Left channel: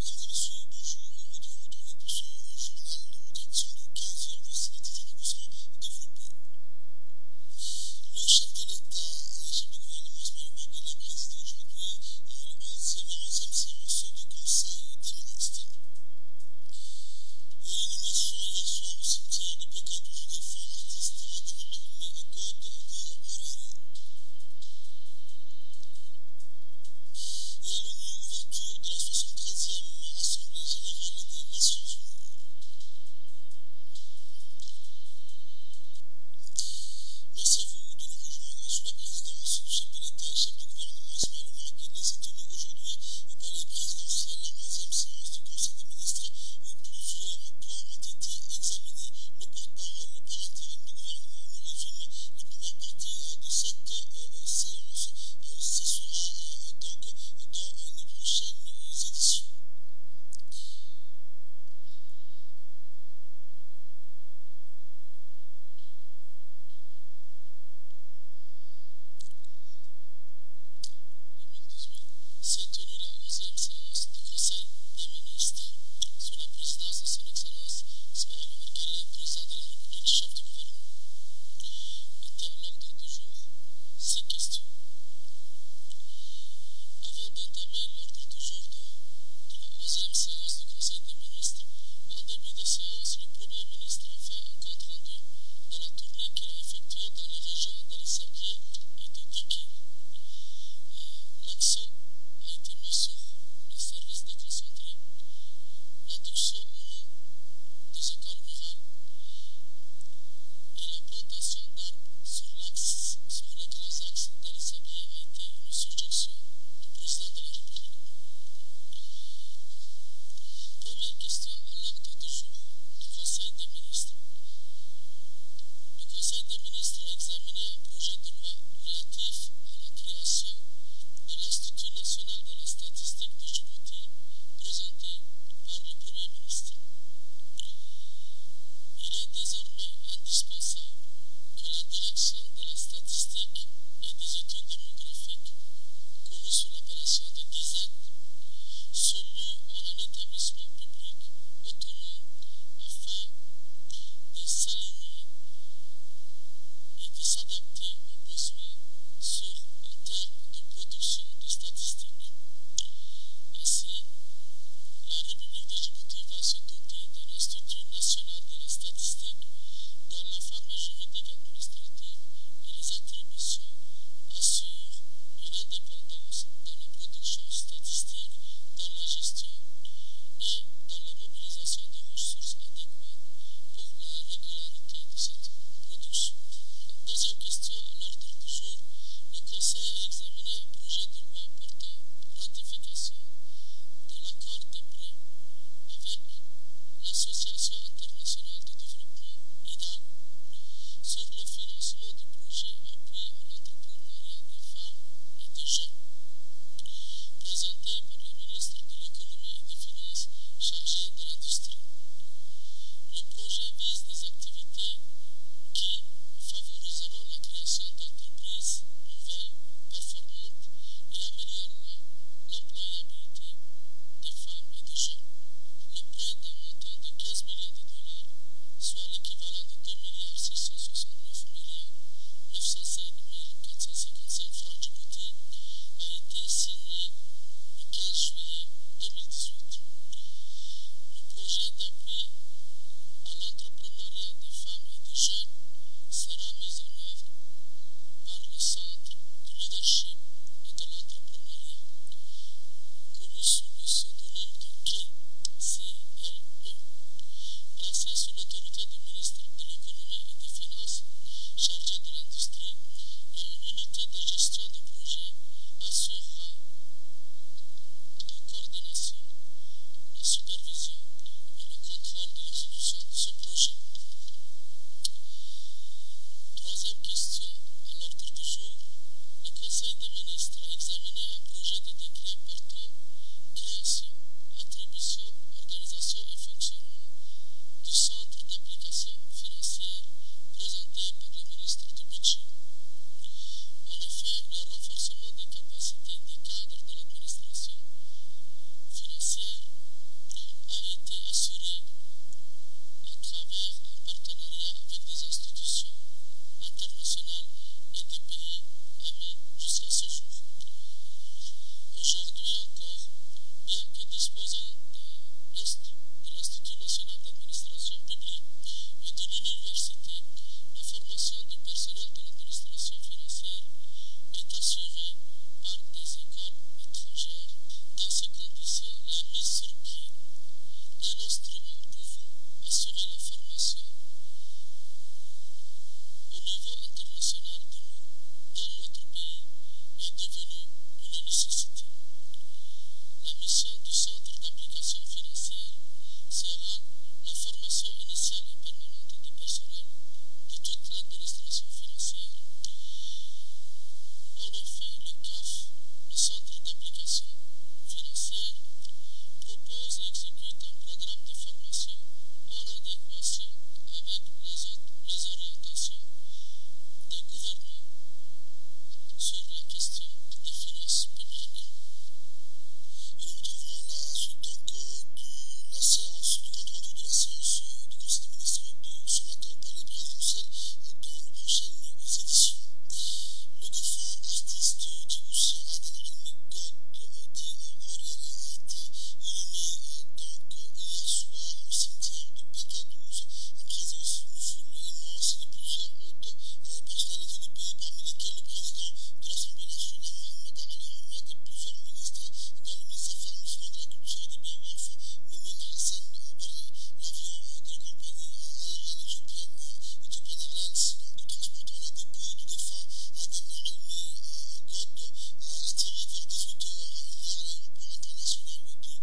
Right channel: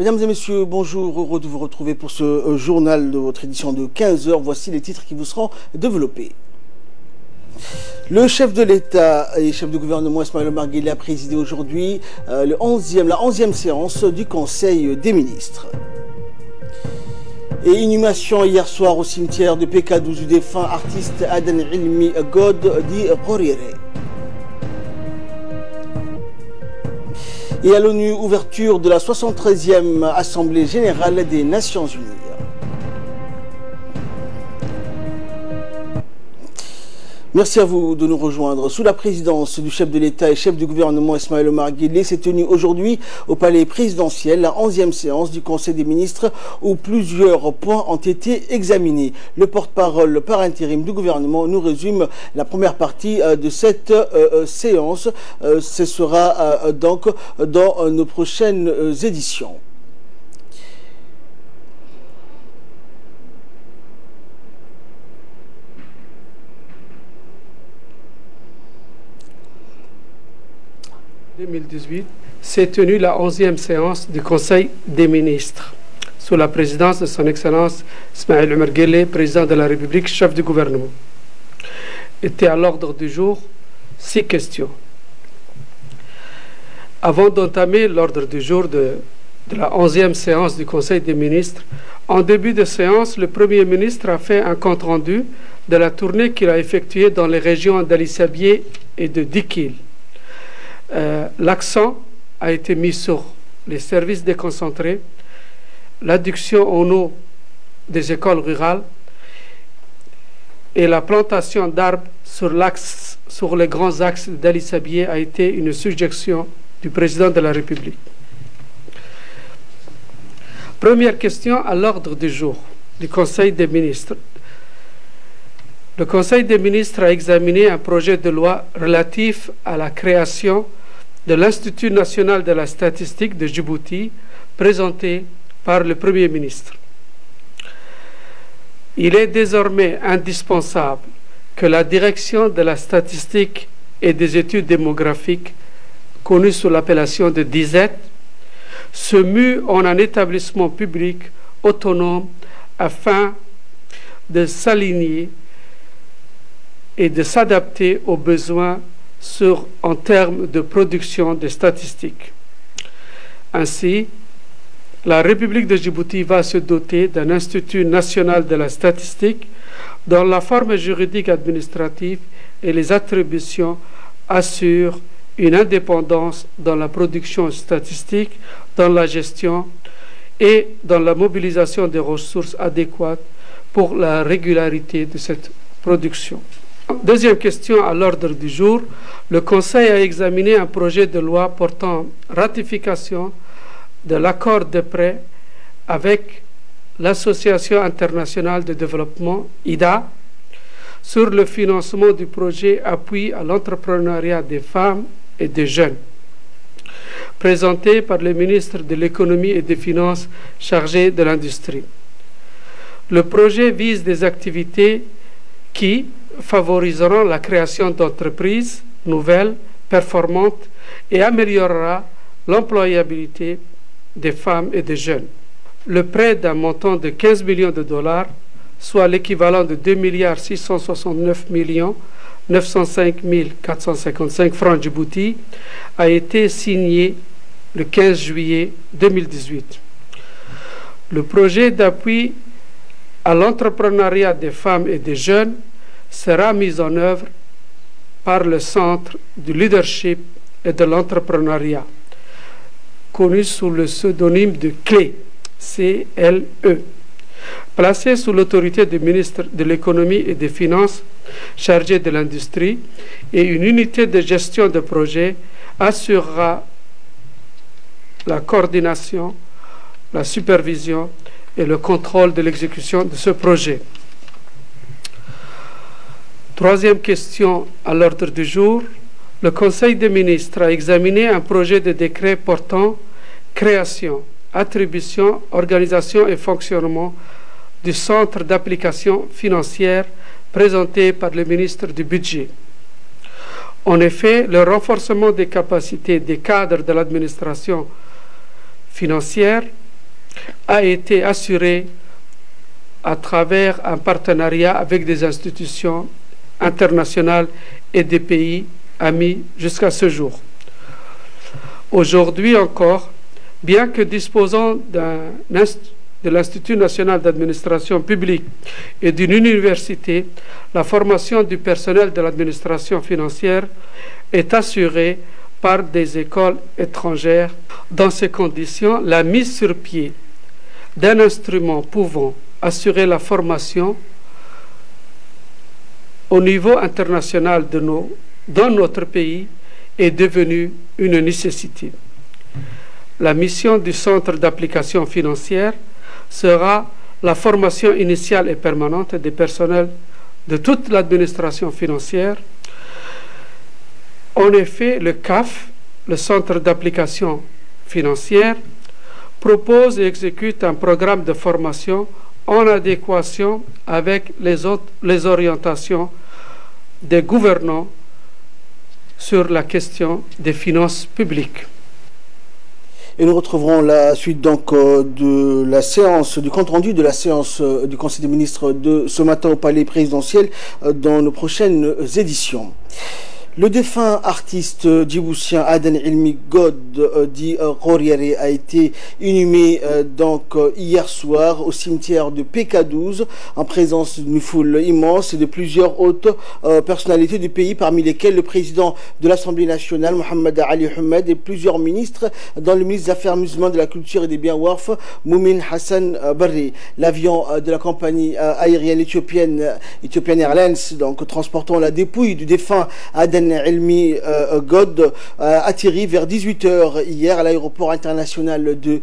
Mesdames et messieurs, bonjour, heureux de vous retrouver pour ce journal de votre édition de 15 h. Voici les titres qui vous seront développés. Le chef de l'État et chef de gouvernement Ismaël Omar Guelleh a présidé aujourd'hui la 11e séance du Conseil des ministres. Et inhumation hier soir au cimetière de PK12 du défunt artiste Adan Ilmi God dit Qorire. Et à l'ONU, ouverture de la 73e Assemblée générale des Nations unies. Merci à vous de nous rejoindre. Sous la présidence du chef de l'État et chef du gouvernement Ismaël Omar Guelleh s'est tenue aujourd'hui au palais présidentiel la 11e séance du Conseil des ministres où plusieurs points ont été examinés. Le porte-parole par intérim du gouvernement nous résume la première partie de cette séance. Ce sera donc dans nos prochaines éditions. En 2018 s'est tenue la 11e séance du Conseil des ministres, sous la présidence de son Excellence Ismaël Omar Guelleh, président de la République, chef du gouvernement. Étaient à l'ordre du jour 6 questions. Avant d'entamer l'ordre du jour de la 11e séance du Conseil des ministres, en début de séance, le Premier ministre a fait un compte-rendu de la tournée qu'il a effectuée dans les régions d'Ali Sabieh et de Dikil. L'accent a été mis sur les services déconcentrés, l'adduction en eau des écoles rurales et la plantation d'arbres sur les grands axes d'Ali Sabieh a été une suggestion du président de la République. Première question à l'ordre du jour du Conseil des ministres. Le Conseil des ministres a examiné un projet de loi relatif à la création de l'Institut national de la statistique de Djibouti, présenté par le Premier ministre. Il est désormais indispensable que la direction de la statistique et des études démographiques, connue sous l'appellation de DISET, se mue en un établissement public autonome afin de s'aligner et de s'adapter aux besoins en termes de production de statistiques. Ainsi, la République de Djibouti va se doter d'un Institut national de la statistique dont la forme juridique administrative et les attributions assurent une indépendance dans la production statistique, dans la gestion et dans la mobilisation des ressources adéquates pour la régularité de cette production. Deuxième question à l'ordre du jour. Le Conseil a examiné un projet de loi portant ratification de l'accord de prêt avec l'Association internationale de développement, IDA, sur le financement du projet Appui à l'entrepreneuriat des femmes et des jeunes, présenté par le ministre de l'Économie et des Finances chargé de l'industrie. Le projet vise des activités qui favoriseront la création d'entreprises nouvelles, performantes et améliorera l'employabilité des femmes et des jeunes. Le prêt d'un montant de 15 millions de dollars, soit l'équivalent de 2,669 905 455 francs Djibouti, a été signé le 15 juillet 2018. Le projet d'appui à l'entrepreneuriat des femmes et des jeunes sera mis en œuvre par le Centre du leadership et de l'entrepreneuriat, connu sous le pseudonyme de CLE, C-L-E, placé sous l'autorité du ministre de l'Économie et des Finances chargé de l'industrie, et une unité de gestion de projet assurera la coordination, la supervision et le contrôle de l'exécution de ce projet. Troisième question à l'ordre du jour. Le Conseil des ministres a examiné un projet de décret portant création, attribution, organisation et fonctionnement du Centre d'application financière présenté par le ministre du Budget. En effet, le renforcement des capacités des cadres de l'administration financière a été assurée à travers un partenariat avec des institutions internationales et des pays amis jusqu'à ce jour. Aujourd'hui encore, bien que disposant de l'Institut national d'administration publique et d'une université, la formation du personnel de l'administration financière est assurée par des écoles étrangères. Dans ces conditions, la mise sur pied d'un instrument pouvant assurer la formation au niveau international dans notre pays est devenue une nécessité. La mission du Centre d'application financière sera la formation initiale et permanente des personnels de toute l'administration financière. En effet, le CAF, le Centre d'application financière, propose et exécute un programme de formation en adéquation avec les orientations des gouvernants sur la question des finances publiques. Et nous retrouverons la suite donc de la séance, du compte-rendu de la séance du Conseil des ministres de ce matin au Palais présidentiel dans nos prochaines éditions. Le défunt artiste djiboutien Aden Elmi God dit Ghoriere a été inhumé donc hier soir au cimetière de PK12 en présence d'une foule immense et de plusieurs hautes personnalités du pays, parmi lesquelles le président de l'Assemblée nationale Mohamed Ali Ahmed et plusieurs ministres, dont le ministre des Affaires musulmanes, de la Culture et des Biens Warf Moumin Hassan Barri. L'avion de la compagnie aérienne éthiopienne Ethiopian Airlines, donc transportant la dépouille du défunt Aden Elmi God atterri vers 18 h hier à l'aéroport international de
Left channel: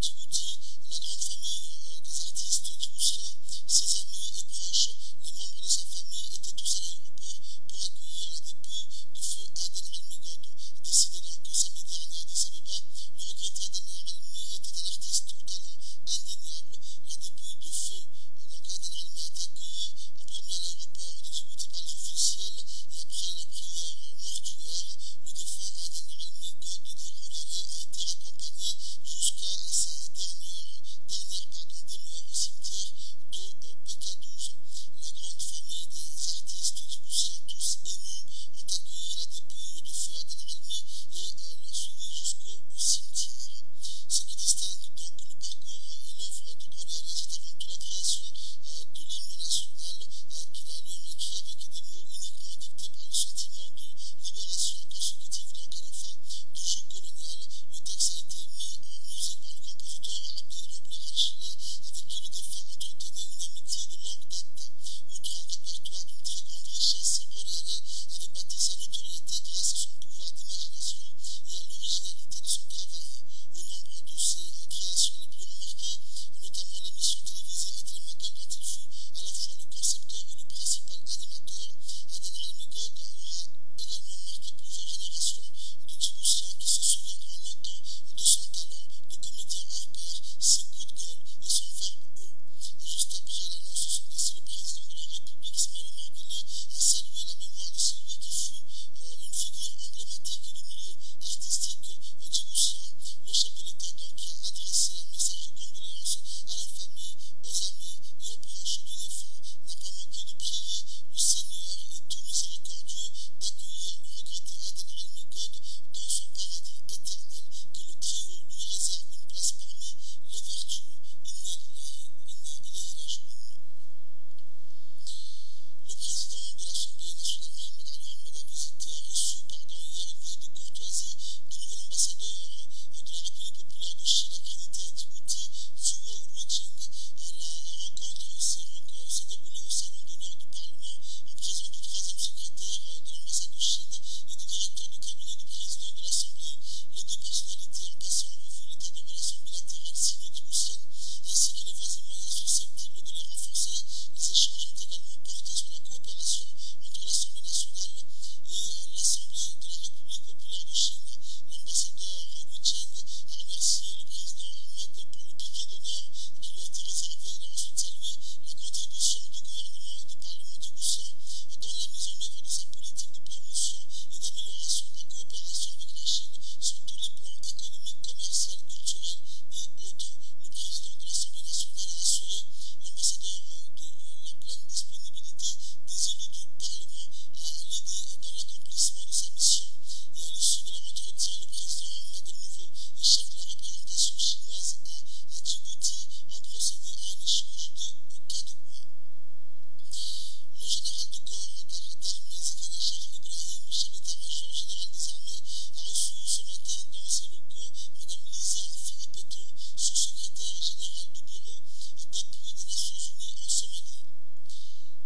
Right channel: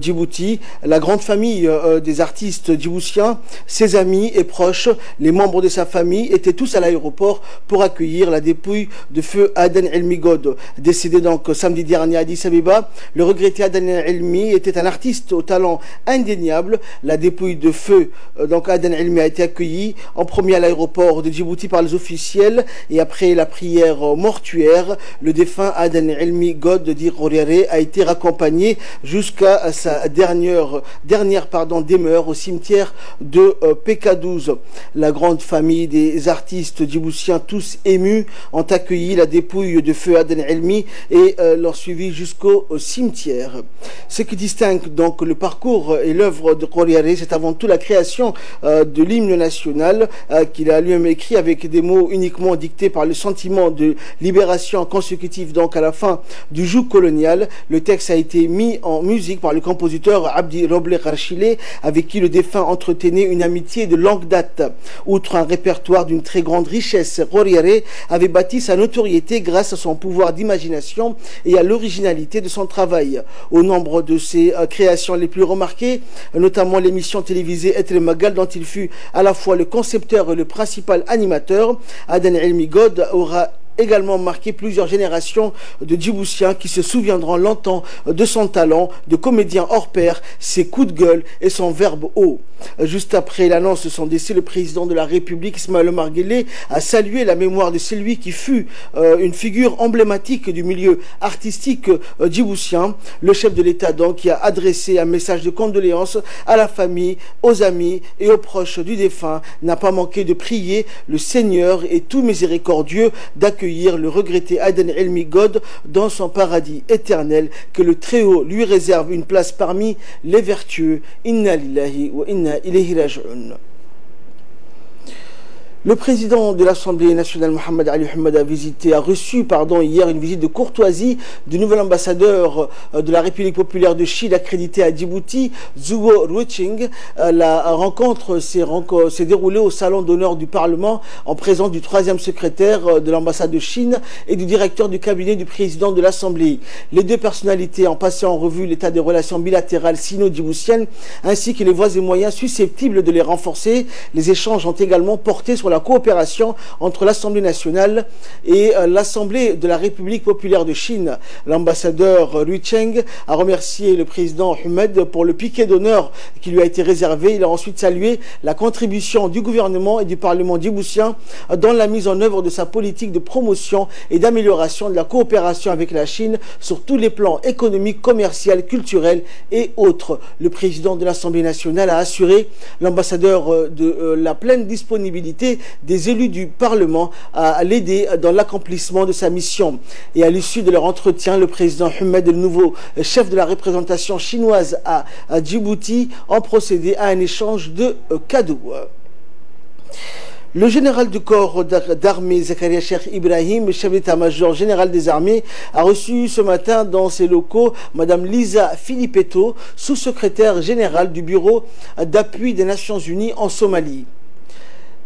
Djibouti. La grande famille des artistes djiboutiens, ses amis et proches, les membres de sa famille étaient tous à l'aéroport pour accueillir la dépouille de feu Aden Elmi God. Décédé donc samedi dernier à Addis Abeba, le regretté Aden Elmi était un artiste au talent indéniable. La dépouille de feu donc Aden Elmi a été accueillie en premier à l'aéroport de Djibouti par les officiels, et après la prière mortuaire, le défunt Aden Elmi God dit Ghoriere a été raccompagné jusqu'à sa dernière demeure au cimetière de PK12. La grande famille des artistes djiboutiens, tous émus, ont accueilli la dépouille de feu Aden Elmi et l'ont suivi jusqu'au cimetière. Ce qui distingue donc le parcours et l'œuvre de Ghoriere, c'est avant tout la création de l'hymne national qu'il a lui-même écrit avec des mots uniquement dictés par le sentiment de libération consécutive donc à la fin du joug colonial. Le texte a été mis en musique par le compositeur Abdi Roble Kharchile, avec qui le défunt entretenait une amitié de longue date. Outre un répertoire d'une très grande richesse, Ghoriere avait bâti sa notoriété grâce à son pouvoir d'imagination et à l'originalité de son travail. Au nombre de ses créations les plus remarquées, notamment l'émission télévisée Et le Magal, dont il fut à la fois le concepteur et le principal animateur, Aden Elmi God aura également marqué plusieurs générations de Djiboutiens qui se souviendront longtemps de son talent de comédien hors pair, ses coups de gueule et son verbe haut. Juste après l'annonce de son décès, le président de la République, Ismaël Omar Guelleh, a salué la mémoire de celui qui fut une figure emblématique du milieu artistique djiboutien. Le chef de l'État donc qui a adressé un message de condoléances à la famille, aux amis et aux proches du défunt, n'a pas manqué de prier le Seigneur et tout miséricordieux d'accueillir le regretté Aden Elmi God dans son paradis éternel, que le Très-Haut lui réserve une place parmi les vertueux. Inna lillahi wa inna ilayhi raji'un. Le président de l'Assemblée nationale, Mohamed Ali Ahmed, a reçu hier une visite de courtoisie du nouvel ambassadeur de la République populaire de Chine accrédité à Djibouti, Zhuo Ruiqing. La rencontre s'est déroulée au salon d'honneur du Parlement en présence du 3e secrétaire de l'ambassade de Chine et du directeur du cabinet du président de l'Assemblée. Les deux personnalités ont passé en revue l'état des relations bilatérales sino-djiboutiennes ainsi que les voies et moyens susceptibles de les renforcer. Les échanges ont également porté sur sur la coopération entre l'Assemblée nationale et l'Assemblée de la République populaire de Chine. L'ambassadeur Lui Cheng a remercié le président Ahmed pour le piquet d'honneur qui lui a été réservé. Il a ensuite salué la contribution du gouvernement et du Parlement djiboutien dans la mise en œuvre de sa politique de promotion et d'amélioration de la coopération avec la Chine sur tous les plans économiques, commerciaux, culturels et autres. Le président de l'Assemblée nationale a assuré l'ambassadeur de la pleine disponibilité des élus du Parlement à l'aider dans l'accomplissement de sa mission. Et à l'issue de leur entretien, le président Ahmed, le nouveau chef de la représentation chinoise à Djibouti, ont procédé à un échange de cadeaux. Le général du corps d'armée Zakaria Cheikh Ibrahim, chef d'état-major général des armées, a reçu ce matin dans ses locaux Mme Lisa Filippetto, sous-secrétaire générale du Bureau d'appui des Nations Unies en Somalie.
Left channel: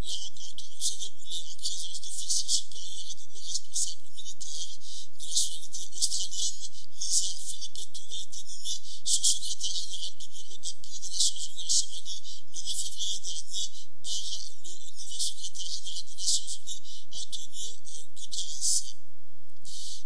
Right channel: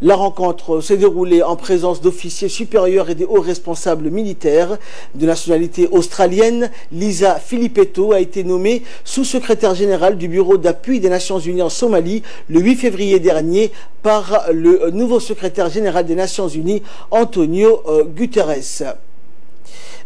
La rencontre s'est déroulée en présence d'officiers supérieurs et des hauts responsables militaires. De nationalité australienne, Lisa Filippetto a été nommée sous-secrétaire générale du Bureau d'appui des Nations Unies en Somalie le 8 février dernier par le nouveau secrétaire général des Nations Unies, Antonio Guterres.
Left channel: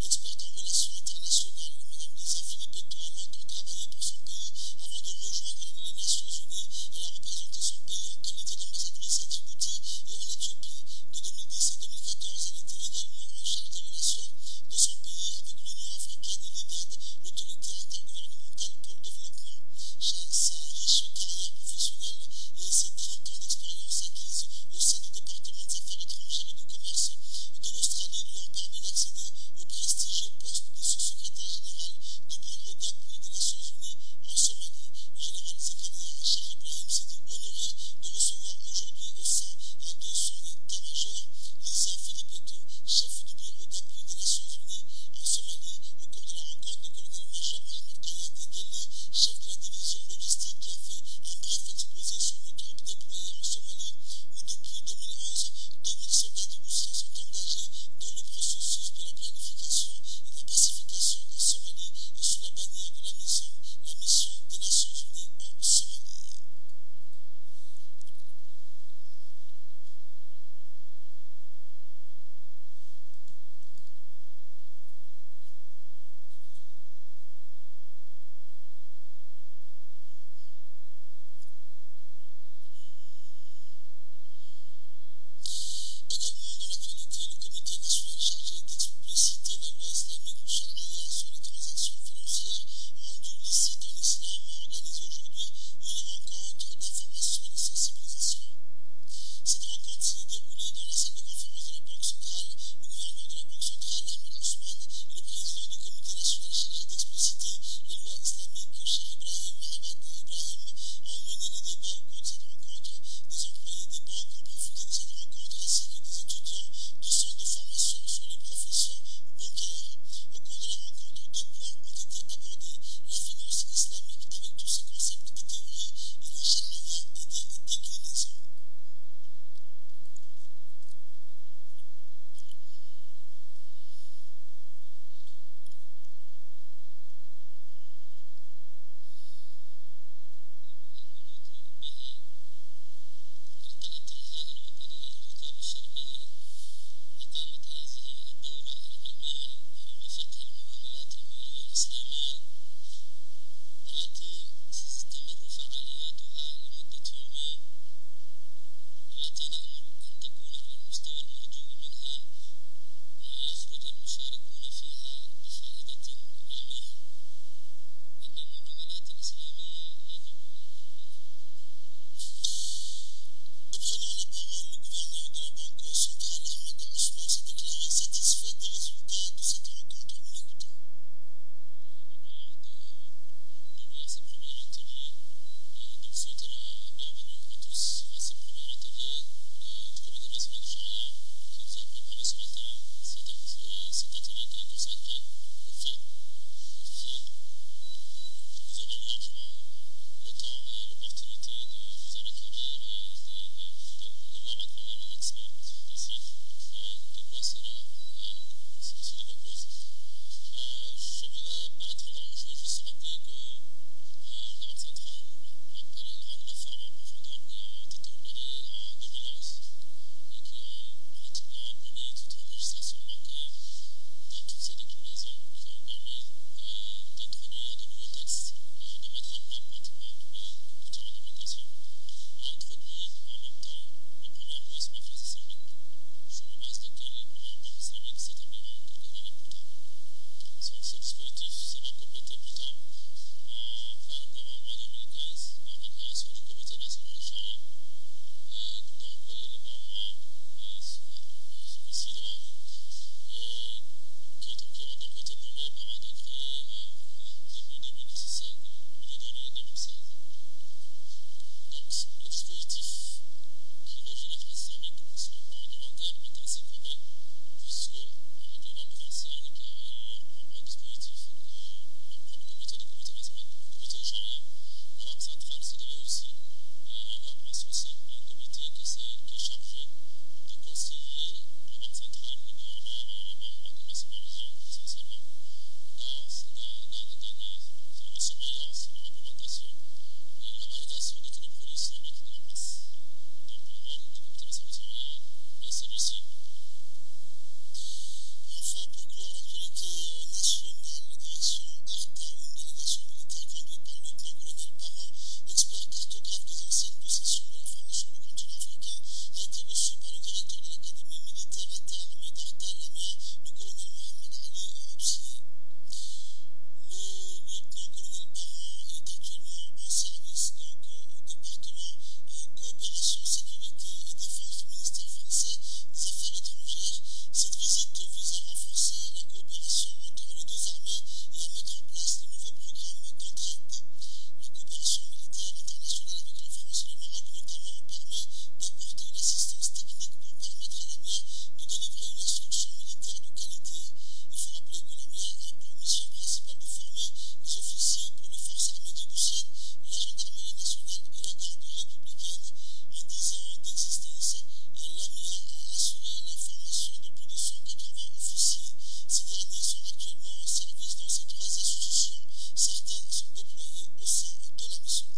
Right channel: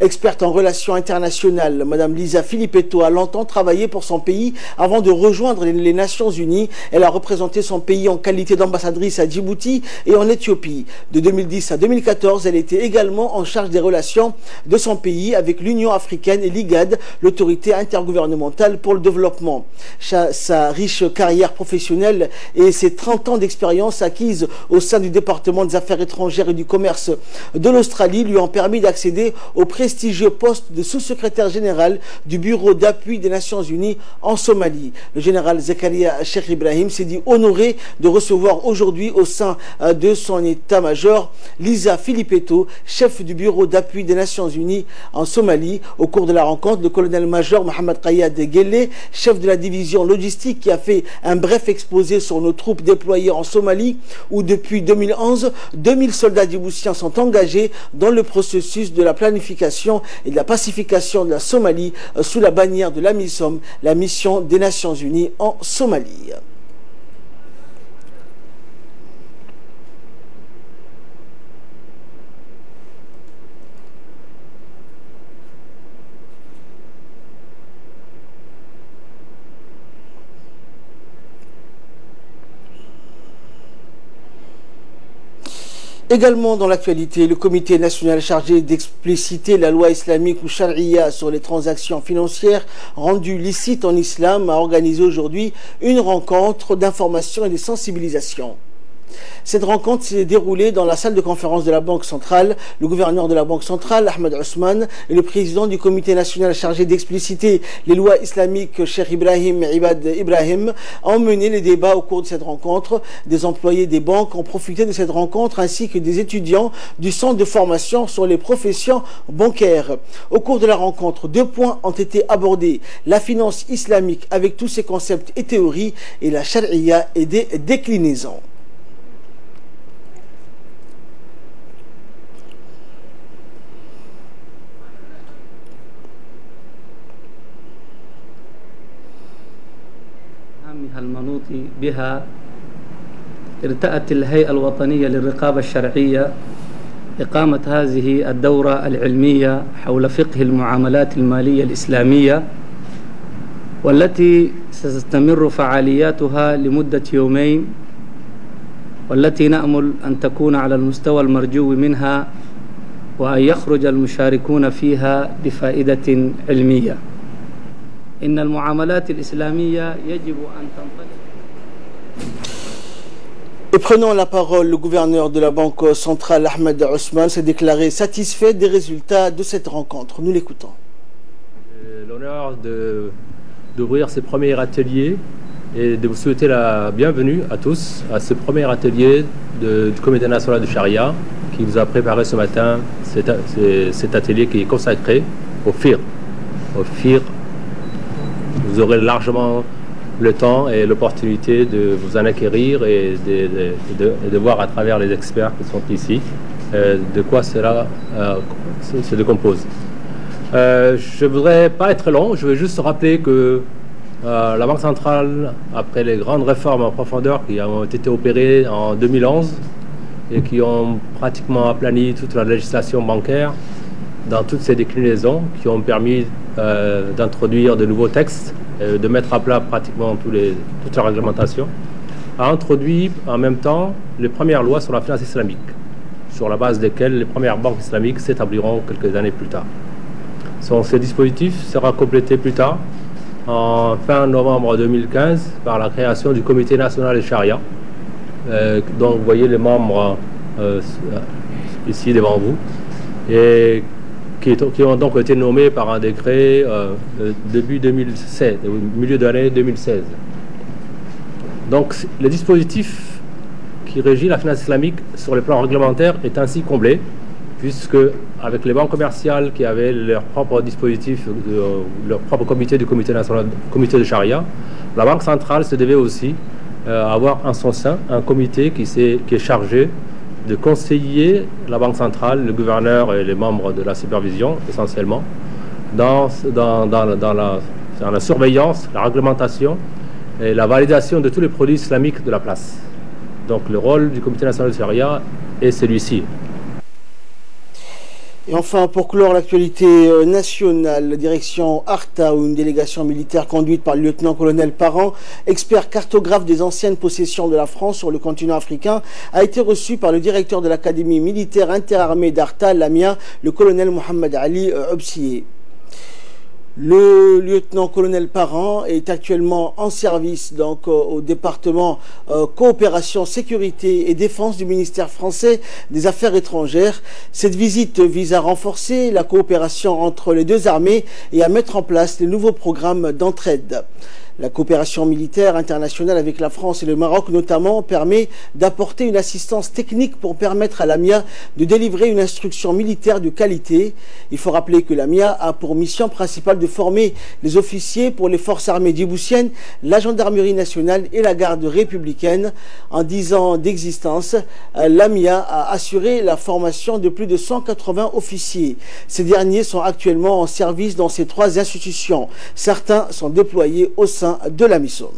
Experte en relations internationales, Mme Lisa Filippetto a longtemps travaillé pour son pays avant de rejoindre les Nations Unies. Elle a représenté son pays en qualité d'ambassadrice à Djibouti et en Éthiopie. De 2010 à 2014, elle était également en charge des relations de son pays avec l'Union africaine et l'IGAD, l'autorité intergouvernementale pour le développement. Sa riche carrière professionnelle et ses 30 ans d'expérience acquises au sein du département des affaires étrangères et du commerce de l'Australie lui ont permis d'accéder au prestigieux poste de sous-secrétaire général du Bureau d'appui des Nations Unies en Somalie. Le général Zakaria Cheikh Ibrahim s'est dit honoré de recevoir aujourd'hui au sein de son état-major Lisa Filippetto, chef du Bureau d'appui des Nations Unies en Somalie. Au cours de la rencontre, le colonel-major Mohamed Kayad Guelleh, chef de la division logistique, qui a fait un bref exposé sur nos troupes déployées en Somalie, où depuis 2011, 2000 soldats djiboutiens sont engagés dans le processus de la planification et de la pacification de la Somalie sous la bannière de la MISOM, la mission des Nations Unies en Somalie. Également dans l'actualité, le comité national chargé d'expliciter la loi islamique ou charia sur les transactions financières rendues licites en islam a organisé aujourd'hui une rencontre d'information et de sensibilisation. Cette rencontre s'est déroulée dans la salle de conférence de la Banque centrale. Le gouverneur de la Banque centrale, Ahmed Ousmane, et le président du comité national chargé d'expliciter les lois islamiques, Cheikh Ibrahim Ibad Ibrahim, ont mené les débats au cours de cette rencontre. Des employés des banques ont profité de cette rencontre ainsi que des étudiants du centre de formation sur les professions bancaires. Au cours de la rencontre, 2 points ont été abordés: la finance islamique avec tous ses concepts et théories et la charia et des déclinaisons. المنوط بها ارتأت الهيئة الوطنية للرقابة الشرعية إقامة هذه الدورة العلمية حول فقه المعاملات المالية الإسلامية، والتي ستستمر فعالياتها لمدة يومين، والتي نأمل أن تكون على المستوى المرجو منها وأن يخرج المشاركون فيها بفائدة علمية. إن المعاملات الإسلامية يجب أن تنطلق. Et prenant la parole, le gouverneur de la Banque centrale, Ahmed Ousmane, s'est déclaré satisfait des résultats de cette rencontre. Nous l'écoutons. L'honneur d'ouvrir ce premier atelier et de vous souhaiter la bienvenue à tous à ce premier atelier du Comité national de Charia qui vous a préparé ce matin cet atelier qui est consacré au FIR. Vous aurez largement le temps et l'opportunité de vous en acquérir et de voir à travers les experts qui sont ici de quoi cela se décompose. Je ne voudrais pas être long, je veux juste rappeler que la Banque centrale, après les grandes réformes en profondeur qui ont été opérées en 2011, et qui ont pratiquement aplani toute la législation bancaire dans toutes ces déclinaisons, qui ont permis d'introduire de nouveaux textes, de mettre à plat pratiquement toute la réglementation, a introduit en même temps les premières lois sur la finance islamique, sur la base desquelles les premières banques islamiques s'établiront quelques années plus tard. Ce dispositif sera complété plus tard, en fin novembre 2015, par la création du Comité national de Charia, dont vous voyez les membres ici devant vous, et qui ont donc été nommés par un décret début 2016, au milieu de l'année 2016. Donc le dispositif qui régit la finance islamique sur le plan réglementaire est ainsi comblé, puisque avec les banques commerciales qui avaient leur propre dispositif, leur propre comité du comité national, comité de charia, la Banque centrale se devait aussi avoir en son sein un comité qui est chargé de conseiller la Banque centrale, le gouverneur et les membres de la supervision essentiellement dans la surveillance, la réglementation et la validation de tous les produits islamiques de la place. Donc le rôle du comité national de charia est celui-ci. Et enfin, pour clore l'actualité nationale, la direction ARTA, ou une délégation militaire conduite par le lieutenant-colonel Parent, expert cartographe des anciennes possessions de la France sur le continent africain, a été reçue par le directeur de l'académie militaire interarmée d'ARTA, l'AMIA, le colonel Mohamed Ali Obsié. Le lieutenant-colonel Parent est actuellement en service donc, au département coopération, sécurité et défense du ministère français des Affaires étrangères. Cette visite vise à renforcer la coopération entre les deux armées et à mettre en place les nouveaux programmes d'entraide. La coopération militaire internationale avec la France et le Maroc notamment permet d'apporter une assistance technique pour permettre à l'AMIA de délivrer une instruction militaire de qualité. Il faut rappeler que l'AMIA a pour mission principale de former les officiers pour les forces armées djiboutiennes, la gendarmerie nationale et la garde républicaine. En 10 ans d'existence, l'AMIA a assuré la formation de plus de 180 officiers. Ces derniers sont actuellement en service dans ces 3 institutions. Certains sont déployés au sein de la MISOM.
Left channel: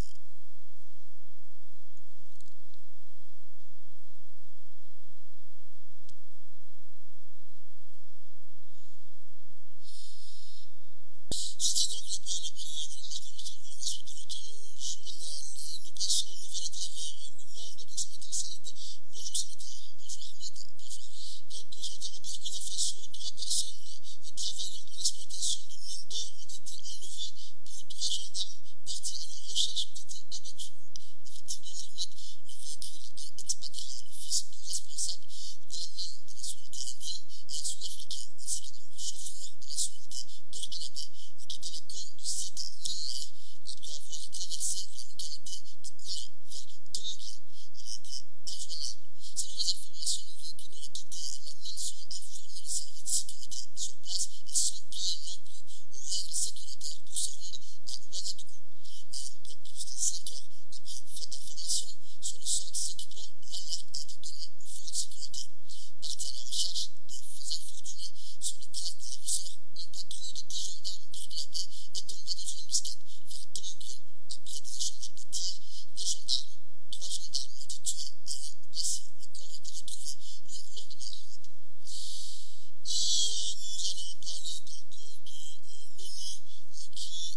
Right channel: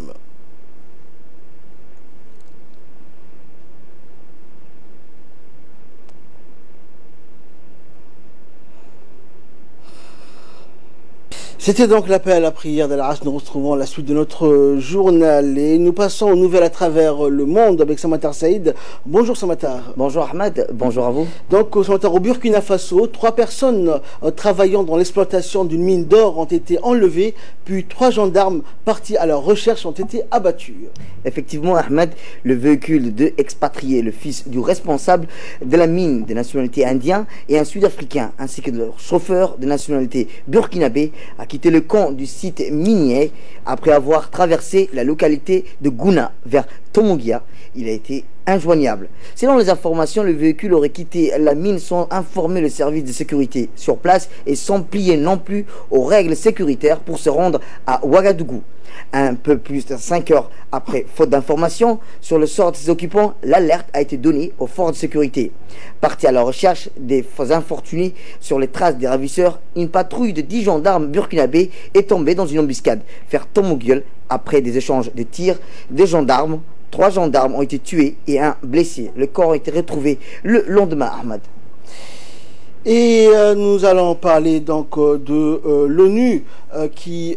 C'était donc l'appel à la prière d'Al-Asr. Nous retrouvons la suite de notre journal et nous passons aux nouvelles à travers le monde avec Samatar Saïd. Bonjour Samatar. Bonjour Ahmed, bonjour à vous. Donc Samatar, au Burkina Faso, 3 personnes travaillant dans l'exploitation d'une mine d'or ont été enlevées, puis 3 gendarmes partis à leur recherche ont été abattus. Effectivement Ahmed, le véhicule de expatriés, le fils du responsable de la mine de nationalité indienne et un sud-africain, ainsi que de leur chauffeur de nationalité burkinabé, a quitté le camp du site minier après avoir traversé la localité de Gouna vers Tomongia. Il a été injoignable. Selon les informations, le véhicule aurait quitté la mine sans informer le service de sécurité sur place et sans plier non plus aux règles sécuritaires pour se rendre à Ouagadougou. Un peu plus de 5 heures après, faute d'informations sur le sort de ses occupants, l'alerte a été donnée aux forces de sécurité. Partis à la recherche des infortunés sur les traces des ravisseurs, une patrouille de 10 gendarmes burkinabés est tombée dans une embuscade vers Tomoguel. Après des échanges de tirs des gendarmes, 3 gendarmes ont été tués et 1 blessé. Le corps a été retrouvé le lendemain, Ahmad. Et nous allons parler donc de l'ONU qui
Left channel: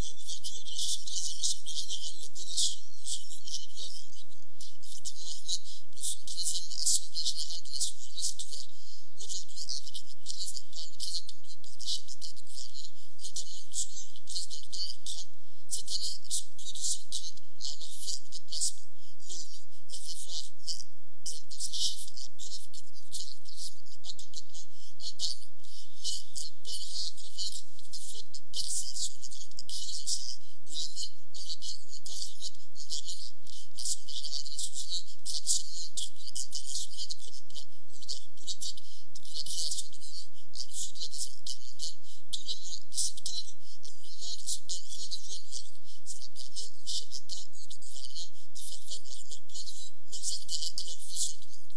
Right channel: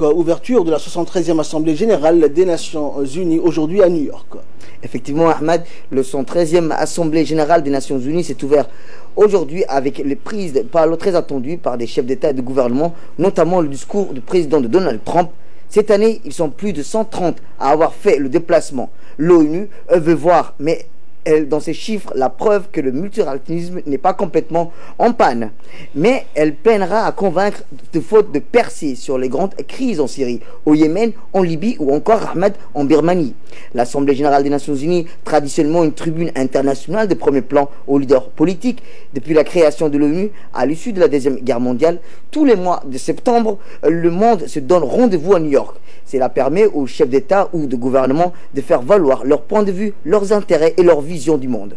ouverture de la 73e Assemblée Générale des Nations Unies aujourd'hui à New York. Effectivement Ahmad, le 113e Assemblée Générale des Nations Unies s'est ouverte aujourd'hui avec les prises de parole très attendues par des chefs d'État et de gouvernement, notamment le discours du président de Donald Trump. Cette année, ils sont plus de 130 à avoir fait le déplacement. L'ONU veut voir, mais dans ces chiffres, la preuve que le multilatéralisme n'est pas complètement en panne. Mais elle peinera à convaincre de faute de percer sur les grandes crises en Syrie, au Yémen, en Libye ou encore Ahmed en Birmanie. L'Assemblée Générale des Nations Unies, traditionnellement une tribune internationale de premier plan aux leaders politiques, depuis la création de l'ONU à l'issue de la Deuxième Guerre mondiale, tous les mois de septembre, le monde se donne rendez-vous à New York. Cela permet aux chefs d'État ou de gouvernement de faire valoir leur point de vue, leurs intérêts et leur vision du monde.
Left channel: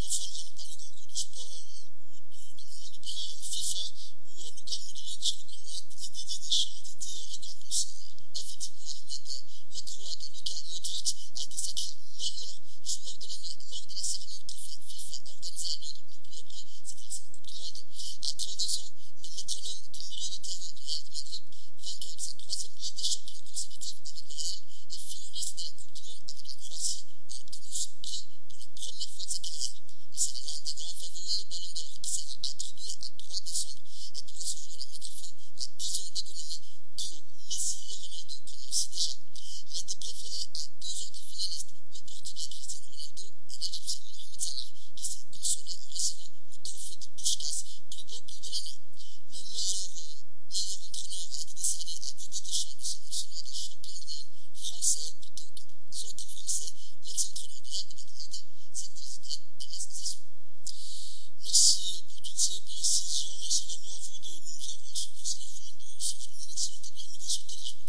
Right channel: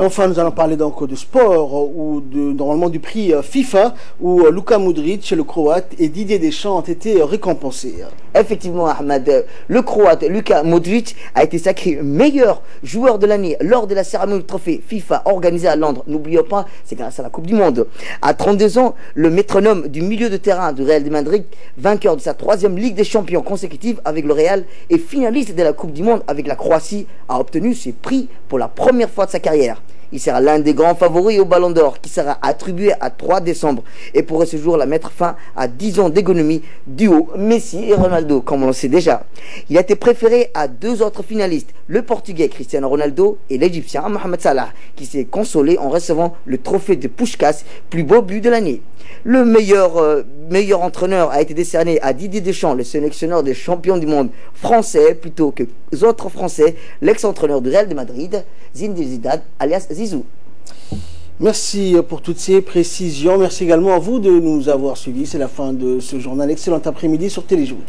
Et enfin, nous allons parler donc de sport ou normalement du prix FIFA où Luka Modric, le Croate, et Didier Deschamps ont été récompensés. Effectivement, Ahmed, le Croate Luka Modric a été sacré meilleur joueur de l'année lors de la cérémonie du trophée FIFA organisée à Londres. N'oublions pas, c'est grâce à la Coupe du Monde. À 32 ans, le métronome du milieu de terrain du Real de Madrid, vainqueur de sa 3e Ligue des Champions consécutive avec le Real et finaliste de la Coupe du Monde avec la Croatie, a obtenu ce prix pour la première fois de sa carrière. Il sera l'un des grands favoris au Ballon d'Or qui sera attribué à 3 décembre et pourrait ce jour la mettre fin à 10 ans d'économie duo Messi et Ronaldo, comme on le sait déjà. Il a été préféré à 2 autres finalistes, le Portugais Cristiano Ronaldo et l'Égyptien Mohamed Salah, qui s'est consolé en recevant le trophée de Puskás, plus beau but de l'année. Le meilleur entraîneur a été décerné à Didier Deschamps, le sélectionneur des champions du monde français, plutôt que les autres Français, l'ex-entraîneur du Real de Madrid, Zinedine Zidane, alias Zizou. Merci pour toutes ces précisions. Merci également à vous de nous avoir suivis. C'est la fin de ce journal. Excellent après-midi sur Téléjournée.